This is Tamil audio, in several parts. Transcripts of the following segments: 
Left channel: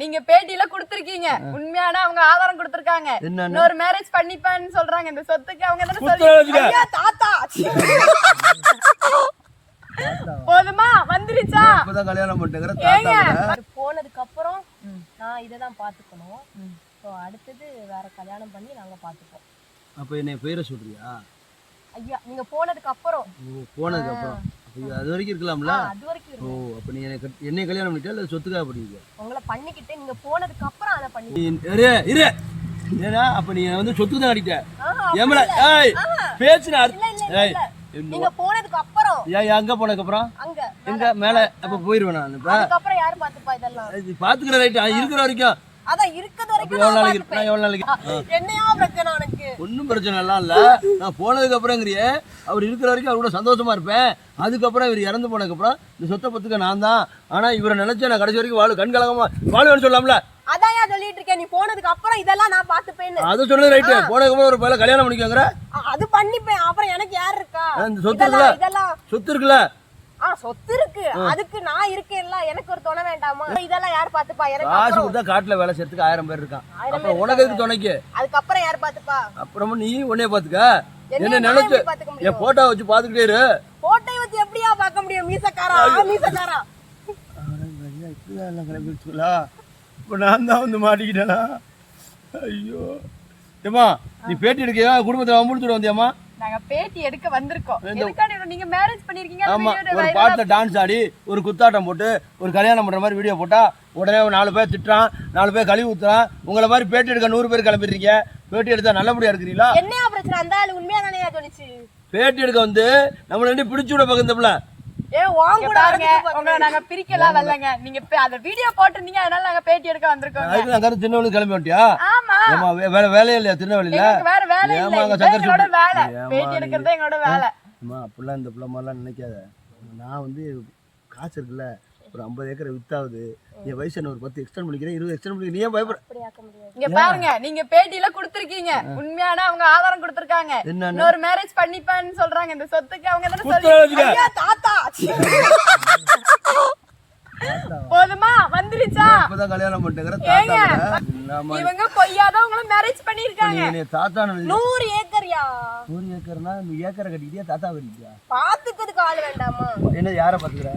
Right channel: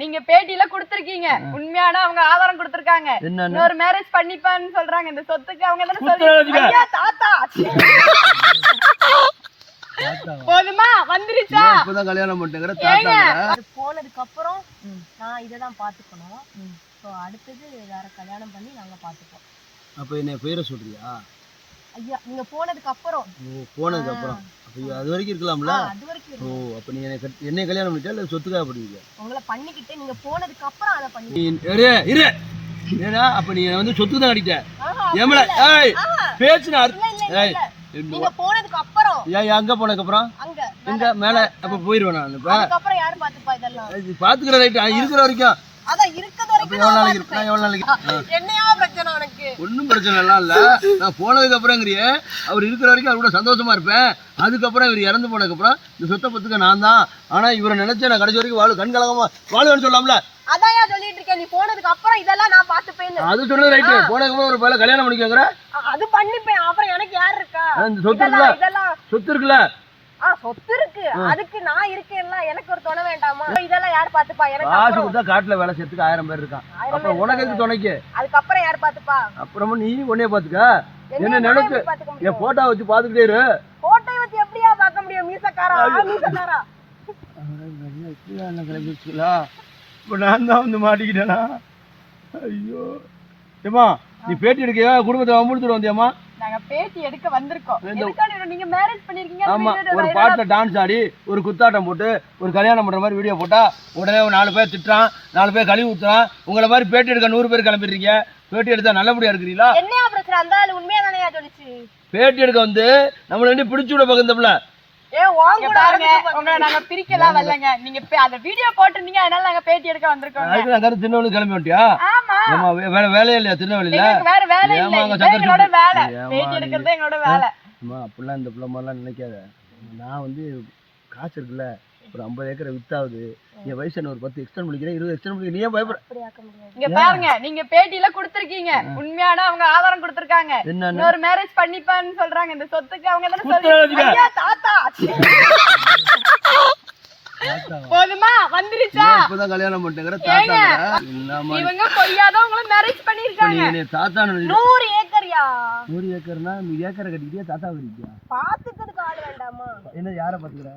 நீங்க பேட்டியில குடுத்திருக்கீங்க, உண்மையான அவங்க ஆதாரம் கொடுத்திருக்காங்க. இன்னொரு மேரேஜ் பண்ணிப்பான்னு சொல்றாங்க. இந்த சொத்துக்கு அவங்க தான சொல்றீங்க. ஐயா தாத்தா போதுமா வந்துருச்சா? இப்பதான் கல்யாணம் பண்ணிட்டேங்கற தாத்தா அது போனதுக்கு அப்புறம் நான் இத தான் பாத்துக்கணும். சோ அடுத்து வேற கல்யாணம் பண்ணி நாங்க பாத்துப்போம். அப்ப என்ன பேரை சொல்றியா? ஐயா நீங்க போனதுக்கு அப்புறம். போனதுக்கு அப்புறம் அப்ப அது வரைக்கும் இருக்கலாம்ல? அது வரைக்கும். ஓ அப்ப நீ என்ன கல்யாணம் பண்ணிட்டா இல்ல சொத்துக்காக பண்ணுவீங்க? உங்களை பண்ணிக்கிட்டு நீங்க போனதுக்கு அப்புறம் அத பண்ணி. இரு ஏனா அப்ப நீ வந்து சொத்து தான் அடிட்ட. ஏமல ஏய் பேச்சுன ஏய் நீங்க போனதுக்கு அப்புறம். ஏய் அங்க போனதுக்கு அப்புறம்? அங்க எங்க மேல அப்ப போயிடுவேன் நான். இப்ப அதுக்கு அப்புறம் யார் பாத்துப்பா இதெல்லாம்? இது பாத்துக்கற ரைட் இருக்கிற வரைக்கும். அத இருக்கிற வரைக்கும் நான் எவ்வளவு நாளைக்கு என்னையா பிரச்சனை உனக்கு? ஒன்றும் பிரச்சனை எல்லாம் இல்லை. நான் போனதுக்கு அப்புறங்கிறிய அவர் இருக்கிற வரைக்கும் அவரோட சந்தோஷமா இருப்பேன். அதுக்கப்புறம் இவர் இறந்து போனதுக்கப்புறம் இந்த சொத்தை பத்துக்க நான் தான். ஆனால் இவரை நினைச்சேன் நான் கடைசி வரைக்கும் வாழு கண்கலகமா வாழுவேன்னு சொல்லலாம்ல. அதையா சொல்லிட்டு இருக்கேன். நீ போனதுக்கு அப்புறம் இதெல்லாம் நான் பாத்துப்பேன்னு. அது சொன்னது ரைட்டு. போனதுக்கு அப்புறம் ஒரு பையல கல்யாணம் பண்ணிக்கோங்கிற அது பண்ணிப்பேன். அப்புறம் எனக்கு யார் இருக்கா? இந்த சொத்து இருக்குல்ல, சொத்து இருக்குல்ல, சொத்து இருக்கு. அதுக்கு நான் இருக்கேன்ல, எனக்கு ஒரு துணை வேண்டாமா? இதெல்லாம் யார் பாத்துப்பா? எனக்கு காசு கொடுத்தா காட்டுல வேலை செய்யறதுக்கு 1000 பேர் இருக்கான். அப்புறம் உனக்கு எதுக்கு துணைக்கு? அதுக்கப்புறம் யார் பாத்துப்பா? அப்புறமும் நீ உன்னைய பாத்துக்க. என்ன நினைச்சு என் போட்டோ வச்சு பாத்துக்கிட்டே இரு. போட்டோ வச்சு எப்படியா பார்க்க முடியும்? மீசக்காரா மீசக்காரா இப்போ நான் தான் வந்து மாட்டிக்கிட்டேனா? ஐயோ ஏமா நீ பேட்டி எடுக்க குடும்பத்தை முடிச்சுட்டு வந்தியாமா? நாங்க பேட்டி எடுக்க வந்திருக்கோம். எதுக்காக நீங்க மேரேஜ் பண்ணிருக்கீங்க? ஆமா ஒரு பாட்டுல டான்ஸ் ஆடி ஒரு குத்தாட்டம் போட்டு ஒரு கல்யாணம் பண்ற மாதிரி வீடியோ போட்டா உடனே 4 பேர் திட்டுறான், 4 பேர் கழுவி ஊத்துறான். உங்களை மாதிரி பேட்டி எடுக்க 100 பேர் கிளம்பிடுறீங்க. பேட்டி எடுத்தா நல்லபடியா இருக்கிறீங்களா? என்னையா பிரச்சனை? அந்த ஆளு உண்மையா தானே சொல்லிச்சு. பேட்டி எடுக்க வந்து நம்மள வந்து பிடிச்சு விட பக்கந்தப்பல. பாருங்க உங்களை நாங்க பிரிக்கலாம் வரலங்க. நீங்க அந்த வீடியோ போட்டிருந்தீங்க, அதனால நாங்க பேட்டி எடுக்க வந்திருக்கோம். அதுக்கு திருநெல்வேலி கிளம்பி வந்துட்டியா? ஆமா வேற வேலையே இல்லையா திருநெல்வேலியில? வேற வேலை இல்ல, எங்களோட வேலை பேட்டி எடுக்கிறது எங்களோட வேலை. அம்மா அப்படிலாம் இந்த பிள்ளை மாதிரிலாம் நினைக்காத. நான் வந்து காசு இருக்குல்ல, ஒரு 50 ஏக்கரை வித்தாகுது. என் வயசு என்ன ஒரு 10 எக்ஸ்டெண்ட் பண்ணிக்கிறேன், 20 எக்ஸ்டெண்ட் பண்ணிக்கிறேன். நீ ஏன் பயப்பட? இங்க பாருங்க, நீங்க பேட்டியில குடுத்திருக்கீங்க, உண்மையான அவங்க ஆதாரம் கொடுத்திருக்காங்க. இன்னொரு மேரேஜ் பண்ணிப்பான்னு சொல்றாங்க. இந்த சொத்துக்கு அவங்க தான சொல்றீங்க. ஐயா தாத்தா போதுமா வந்துருச்சா? இப்பதான் கல்யாணம் பண்ணிட்டேங்கற தாத்தா. இவங்க பொய்யாதான் உங்களை மேரேஜ் பண்ணிருக்காங்க. நீ தாத்தா 100 ஏக்கர்யா? 100 ஏக்கர்னா நீ ஏக்கரை கட்டிக்கிட்டியா தாத்தா வரிக்கியா? பாத்துக்கிறதுக்கு ஆள் வேண்டாமா? என்ன யார பாத்துக்கற?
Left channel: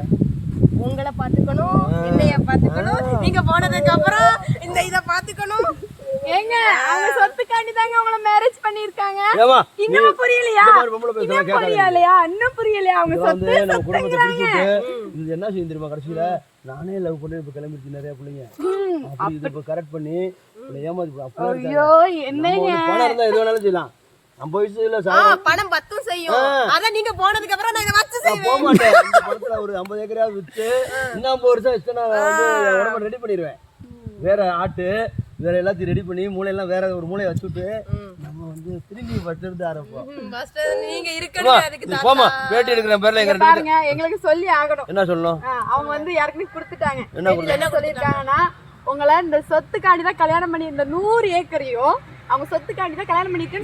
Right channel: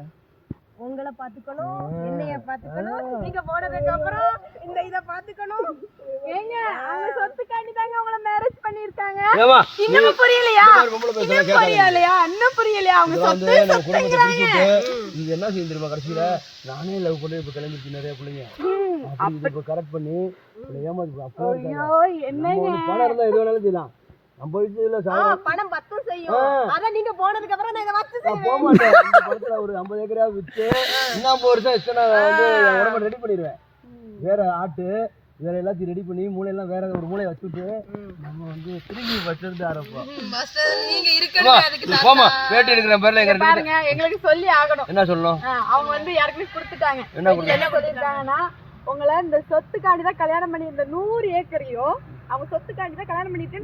உங்களை பாத்துக்கணும், என்னைய பாத்துக்கணும், நீங்க போனதுக்கு அப்புறம் இந்த இத பாத்துக்கணும். ஏங்க அவங்க சொத்துக்காண்டி தாங்க அவங்கள மேரேஜ் பண்ணிருக்காங்க. ஏமா இன்னும் புரியலையா? புரியலையா? இன்னும் புரியலையா? அவங்க சொத்து நம்ம குடும்பத்தை பிரிச்சிட்டு இது என்ன செய்ய தெரியுமா? கடைசியில நானே லவ் பண்ணி இப்ப கிளம்பிச்சு நிறைய பிள்ளைங்க. அப்படி இப்ப கரெக்ட் பண்ணி ஏமாத்தி அப்போ ஐயோ என்னங்க பணம் இருந்தா எது வேணாலும் செய்யலாம். 50 வயசுல பணம் 10 செய்யும். அத நீங்க போனதுக்கு அப்புறம் நான் இத வச்சு செய்வேன். போக மாட்டேன். இந்த பணத்துல ஒரு 50 ஏக்கராவது வித்து இன்னும் 50 வருஷம் எக்ஸ்ட்ரா வந்து உடம்ப ரெடி பண்ணிடுவேன். வேற ஆட்டு வேற எல்லாத்தையும் ரெடி பண்ணி மூளையெல்லாம் வேற ஒரு மூளையை வச்சுட்டு நம்ம வந்து திரும்பி வச்சிருந்து ஆரம்பிப்போம். நீங்க இருக்கணும். அதுக்கு போமா பேட்டி எடுக்கிற பேர்ல எங்க பாருங்க, எங்களுக்கு சொல்லி ஆகணும். என்ன சொல்லணும்? அவங்க வந்து யாருக்குமே கொடுத்துட்டாங்க. என்ன சொல்லிருக்காங்கன்னா, உங்களை இந்த சொத்துக்காண்டி தான் கல்யாணம் பண்ணி இந்த 100 ஏக்கரையும் அவங்க சொத்துக்காண்டி தான் கல்யாணம் பண்ணிட்டு